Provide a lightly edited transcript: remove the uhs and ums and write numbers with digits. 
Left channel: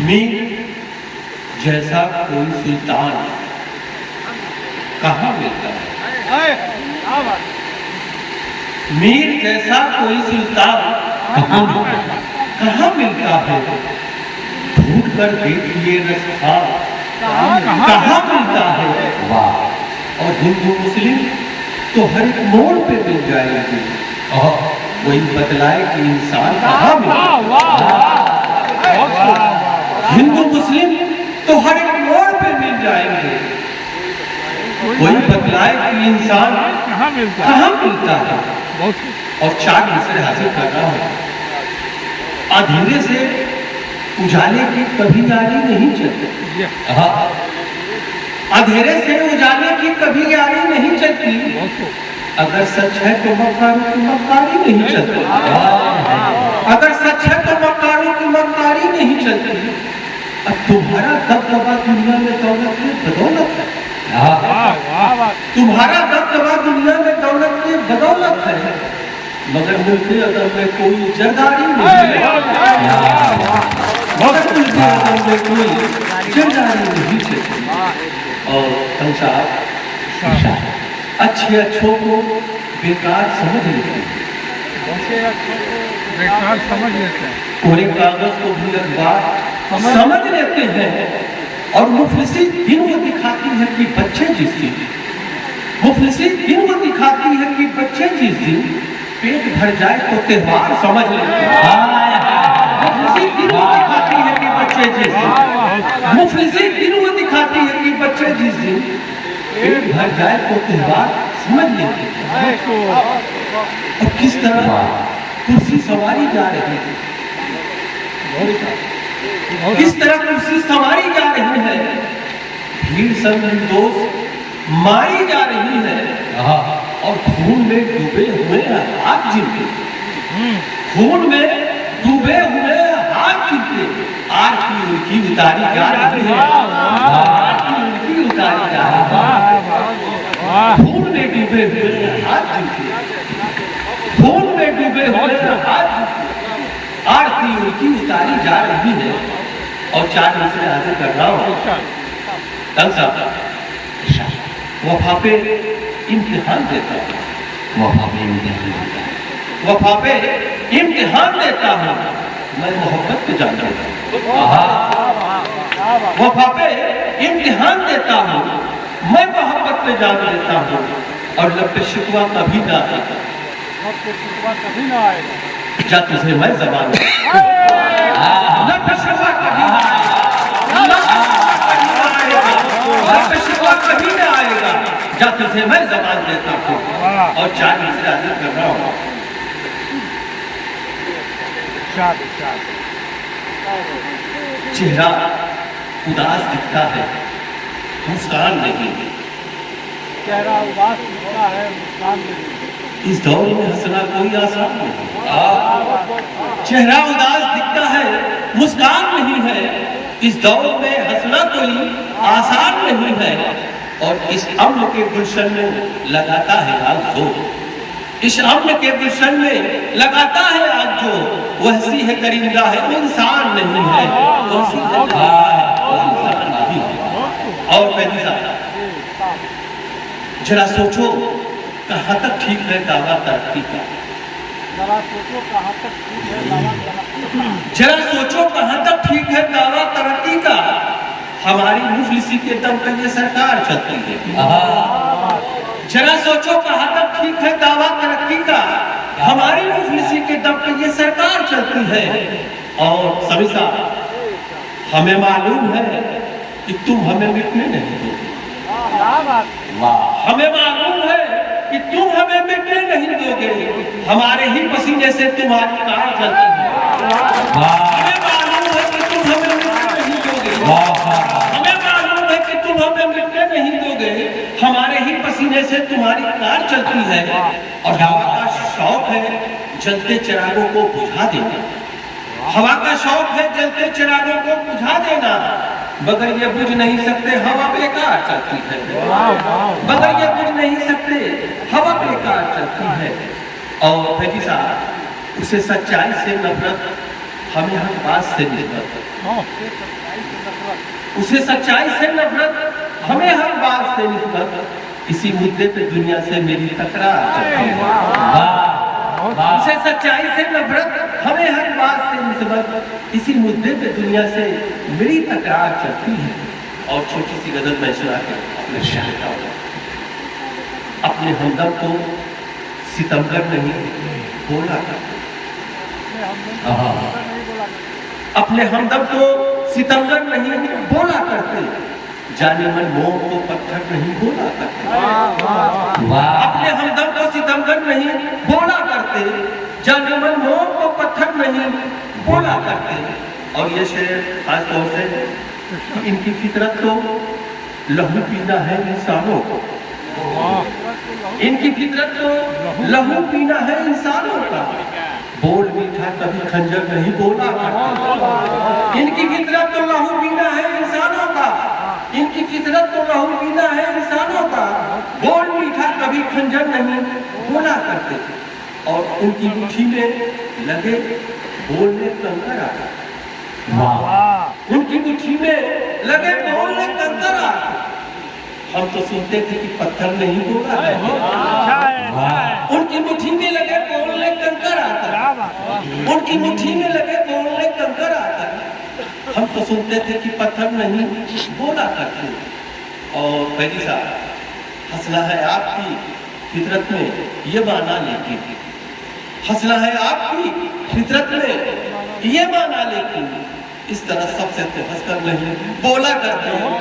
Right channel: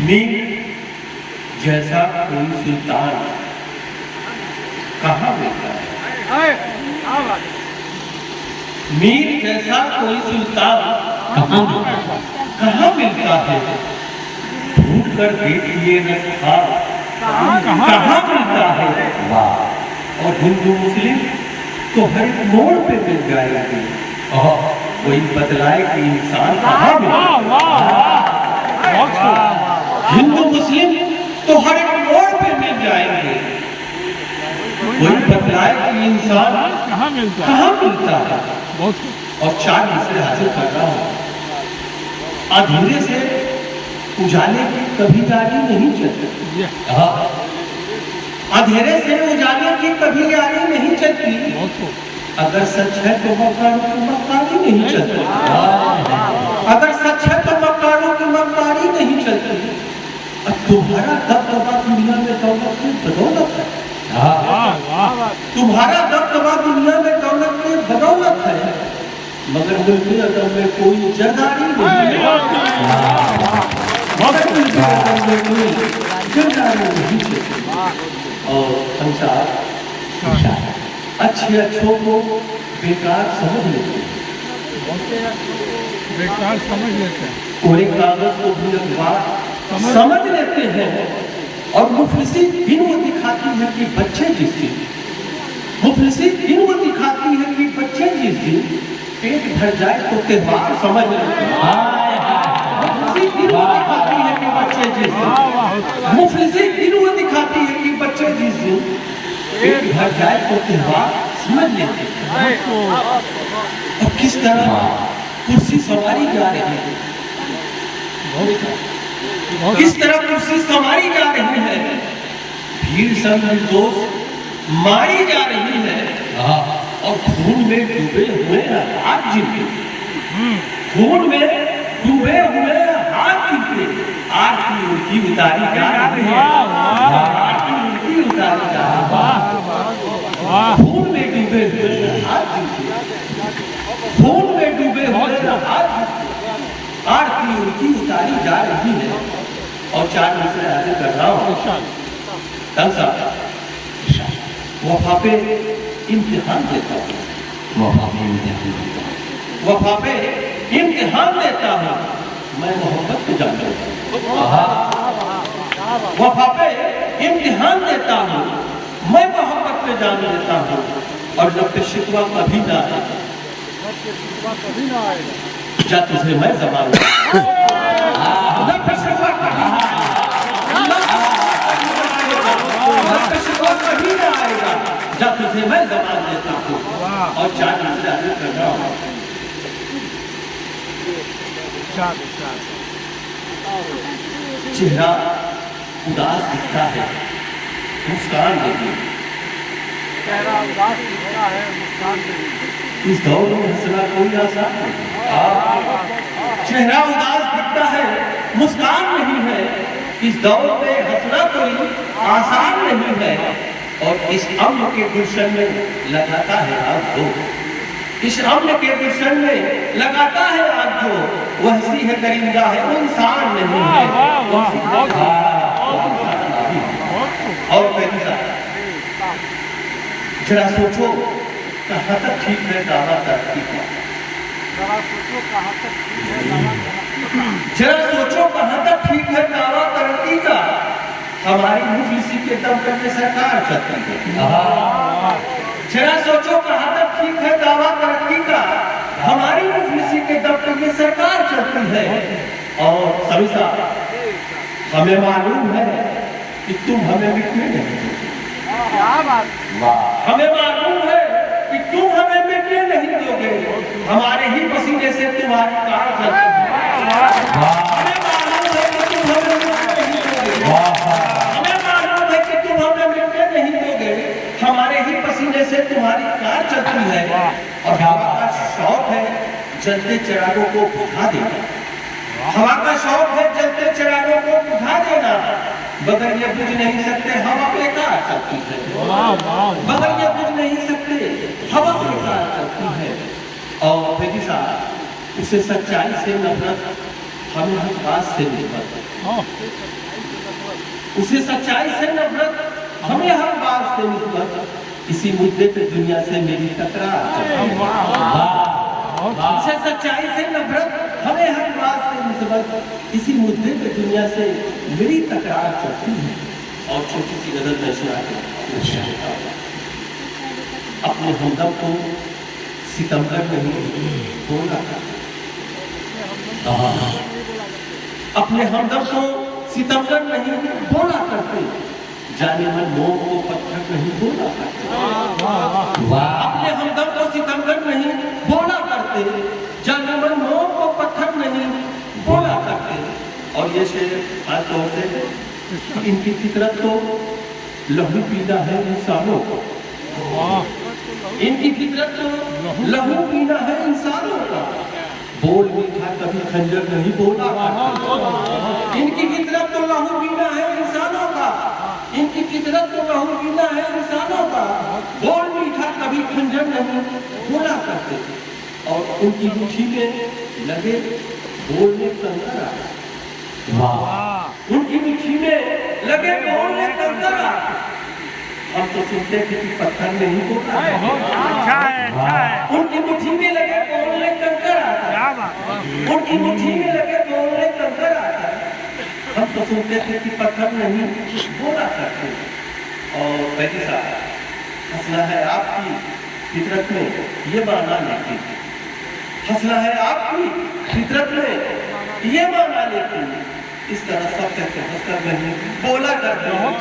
मीर जैसा कोई सुल्तान कहाँ मिलता है? मीर जैसा कोई सुल्तान कहाँ मिलता है? ढूंढ कर देखिए रस्तान कहाँ मिलता है? और हिंदू मुस्लिम तो हर एक मोड़ पे मिल जाएगी, वही बतलाए कि इंसान कहाँ मिलता है। हिंदू मुस्लिम तो हर एक मोड़ पे मिल जाएंगे, वही बतलाए कि इंसान कहाँ मिलता है। और 4 मिसरे हासिल कर रहा हूँ। अंधेरे से उजाले की कभी यारी नहीं चलती, अंधेरे से उजाले की कभी यारी नहीं चलती। अगर सच है तो मक्कारों की मक्कारी नहीं चलती, अगर सच है तो मक्कारों की मक्कारी नहीं चलती। और तुम्हारा दबदबा दुनिया में दौलत की बदौलत है, तुम्हारा दबदबा दुनिया में दौलत की बदौलत है, मगर मुल्के अदम में कोई जरदारी नहीं है, मगर मुल्के अदम में कोई जरदारी नहीं है। और संसार अच्छे अच्छों को बेकार समझ लेते हैं, बेकार समझ लेते हैं, कोरे कागज को भी अखबार समझ लेते हैं। और मुफलिसी दिन वो दिखाती है कि बच्चे जिस दिन, मुफलिसी दिन वो दिखाती है कि बच्चे जिस दिन पेट भर जाए तो त्योहार समझ लेते हैं। मुफलिसी दिन वो दिखाती है कि बच्चे जिस दिन, मुफलिसी दिन वो दिखाती है कि बच्चे जिस दिन पेट भर जाए तो त्योहार समझ लेते हैं। और किस तरह कुर्सी सवारी जा रही है, किस तरह कुर्सी सवारी जा रही है, भीड़ सब निर्दोष मारी जा रही है। और खून में डूबे हुए हाथ जिनके, खून में डूबे हुए हाथ जिनके आरती उल्टी उतारी जा रही है, आरती उल्टी उतारी जा रही है। खून में डूबे हुए हाथ जिनके, खून में डूबे हुए हाथ जिनके आरती उल्टी उतारी जा रही है। और 4 मिसरे हासिल कर रहा हूँ। वफा पे इम्तिहान देता हूँ, वफा पे इम्तिहान देता हूँ, वफा पे इम्तिहान देता हूँ, मैं मोहब्बत को जान लेता हूँ। वफा पे इम्तिहान देता हूँ, मैं मोहब्बत पे जान लेता हूँ। और जब पे शिकवा कभी ना आए, जा तुझे मैं जबान जब पे शिकवा कभी ना आएगा, जब पे शिकवा कभी ना आएगा, जा तुझे मैं जबान देता हूँ। और 4 मिसरे हासिल कर रहा हूँ। चेहरा उदास दिखता है, मुस्कान नहीं, चेहरा उदास दिखता है, मुस्कान नहीं। इस दौर में हंसना कोई आसान नहीं, चेहरा उदास दिखता है, मुस्कान नहीं है। इस दौर में हंसना कोई आसान नहीं है। और इस अम्न के गुलशन में लगाता है आग जो, इस अम्न के गुलशन में लगाता है आग जो, वह हंसी है करींदा है, वो इंसान नहीं है, वो हंसी है वो इंसान नहीं है। और पहली साथ जरा सोचो कहाँ तक ठीक है दावा तरक्की का, जरा सोचो कहाँ तक ठीक है दावा तरक्की का। हमारी मुफलिसी के दम पे ये सरकार चलती है। जरा सोचो कहाँ तक ठीक है दावा तरक्की का, हमारी मुफलिसी के दम पे ये सरकार चलती है। और सभी साहब, हमें मालूम है कि तुम हमें मिटने नहीं दोगे, हमें मालूम है कि तुम हमें मिटने नहीं दोगे, हमारे ही पसीने से तुम्हारी कार चलती है। हमें मालूम है कि तुम हमें मिटने नहीं दोगे, हमें मालूम है कि तुम हमें मिटने नहीं दोगे, हमारे ही पसीने से तुम्हारी कार चलती है। और हवा का शौक है जलते चिरागों को बुझा देना, हवा का शौक है जलते चिरागों को बुझा देना। बगैर ये बुझ नहीं सकते हवा बेकार चलती है, बगैर ये बुझ नहीं सकते हवा बेकार चलती है। और फिर उसे सच्चाई से नफरत, हमें हर बात से नफरत, उसे सच्चाई से नफरत, हमें हर बात से निस्बत, इसी मुद्दे पे दुनिया से मेरी तकरार चलती है। वाह वाह। उसे सच्चाई से नफरत, हमें हर बात से निस्बत, इसी मुद्दे पे दुनिया से मेरी तकरार चलती है। और छोटी सी गजल मैं सुना के अपने शेर देता हूं। अपने हमदम को सितमगर नहीं बोला करते, अपने हमदम को सितमगर नहीं बोला करते, जाने मन मोह को पत्थर नहीं बोला करते। अपने हमदम को सितमगर नहीं बोला करते, जाने मन मोह को पत्थर नहीं बोला करते। और ये शेर खास तौर से इनकी फितरत तो लहू पीना है इंसानों को, इनकी फितरत तो लहू पीना है इंसानों का, बोल मीठा कभी खंजर नहीं बोला करते। इनकी फितरत तो लहू पीना है इंसानों का, इनकी फितरत तो लहू पीना है इंसानों का, बोल मीठा कभी खंजर नहीं बोला करते। और उनकी मुट्ठी में लगे बोलने कंकरा, वाह, उनकी मुट्ठी में लगे बोलने कंकरा, हम तो सुनते थे कि पत्थर नहीं बोला है। उनकी मुट्ठी में लगे बोलने कंकर आता, उनकी मुट्ठी में लगे बोलने कंकर आता, हम तो सुनते थे कि पत्थर नहीं बोला करते। और भाई साहब, हंसना है आपकी फितरत में ये माना, लेकिन हंसना है आपकी फितरत में ये माना, लेकिन इस तरह सबसे हंसकर नहीं बोला करते हैं।